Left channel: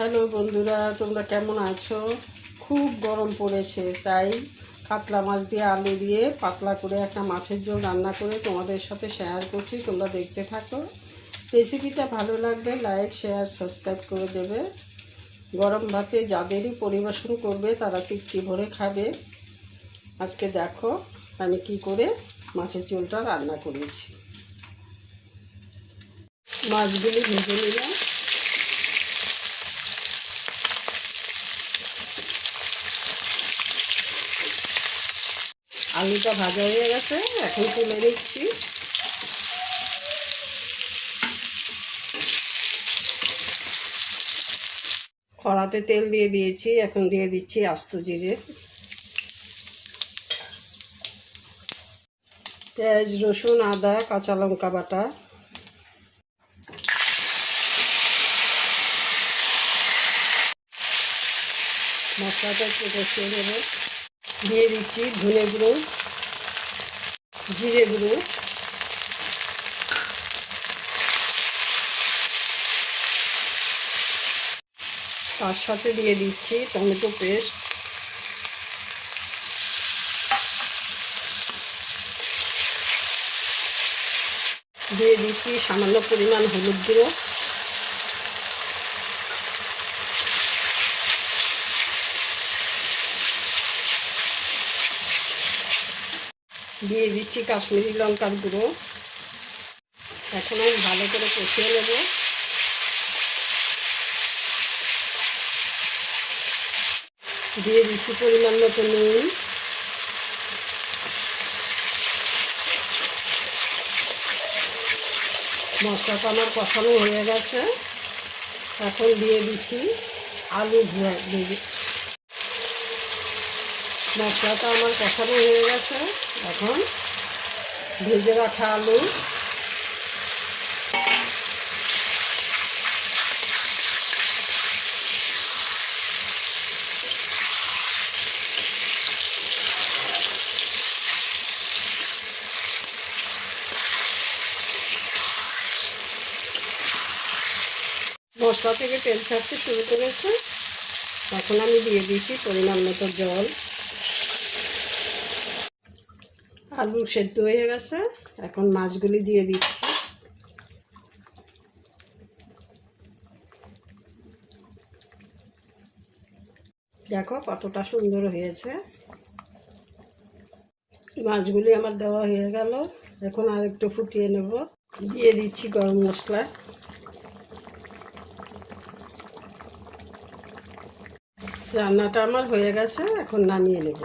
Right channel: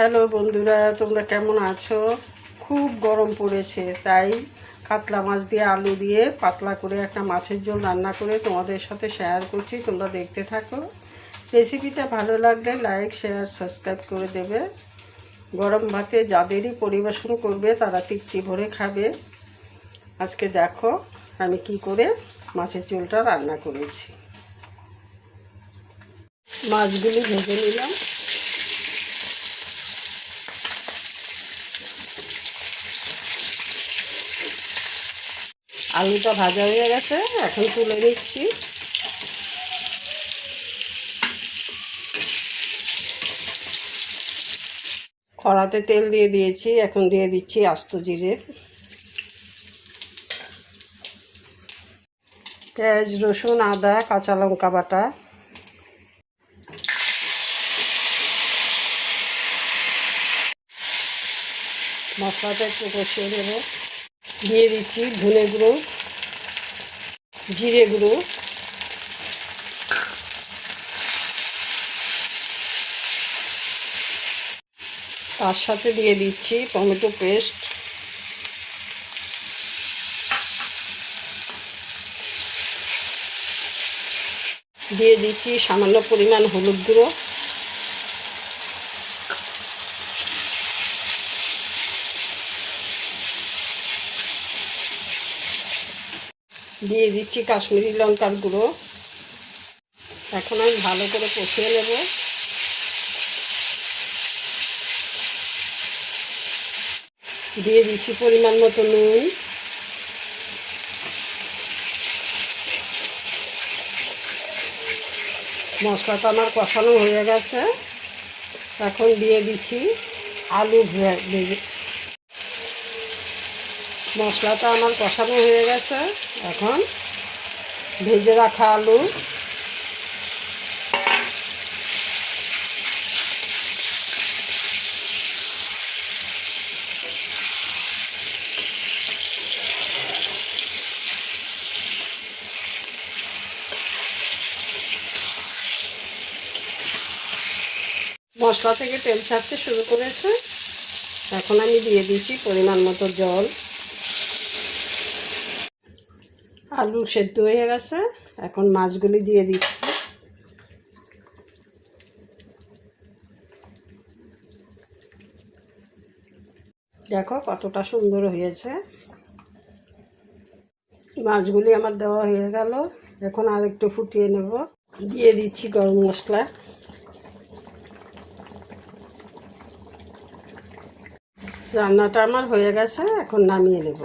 Hello বন্ধুরা, তোমরা কেমন আছো? খুব গরম পড়েছে, তাই কাতলা মাছ দিয়ে আলু দিয়ে পাতলা করে একটা মাছের ঝোল রান্না করে তোমাদের সাথে শেয়ার করছি। তোমরা দেখতে থাকো। রেসিপিটা ভালো লাগলে লাইক, শেয়ার, সাবস্ক্রাইব করে দেবে। গরম ভাতে যাদেরই পরিবেশন করবে তারা তৃপ্তি ভরে খাবে। আজকে দেখো আমি কি করে মাছের ঝোলটা রান্না করেছি। মাছগুলি ভেজে নিলাম। আলুটা ভাজা হয়ে গেছে, এখন তুলে নিচ্ছি। কড়াতে তেল দিয়ে দিয়েছি, এখন দিয়ে দিচ্ছি আস্ত জিরে, পেঁয়াজ, রসুন, আদা, কাঁচা লঙ্কা বাটা, মশলাটা একটু কষিয়ে নেব। দিয়ে দিচ্ছি ধনে গুঁড়ো, জিরে গুঁড়ো, তার সাথে দিয়ে দিচ্ছি টমেটো পেস্ট, দিয়ে দিচ্ছি সামান্য পরিমাণ হলুদ গুঁড়ো, দিয়ে দিচ্ছি কাশ্মীরি লঙ্কার গুঁড়ো। এখন আমি ভালো করে কষিয়ে নেব। দিয়ে দিচ্ছি পরিমাণ মতো নুন, মশলাটা আমার কষানো হয়ে গেছে। এখন দিয়ে দিচ্ছি আলু ভেজে। মশলাটা আমার কষানো হয়ে গেছে, এখন ভেজে রাখা আলু, মশলা থেকে তেল ছাড়তে শুরু করেছে। এখন আমি দিয়ে দিচ্ছি পরিমাণ মতো জল। আলু সেদ্ধ হয়ে গেছে, এখন মাছগুলি দিয়ে দিচ্ছি। দেখো কতটা সুন্দর হয়েছে। মাছগুলি আমার দেওয়া হয়ে গেল, এখন আর একটু ফুটিয়ে নেব। দিয়ে দিচ্ছি গরম মশলা। রান্নাটা আমার হয়ে গেছে, এখন নামিয়ে নেব।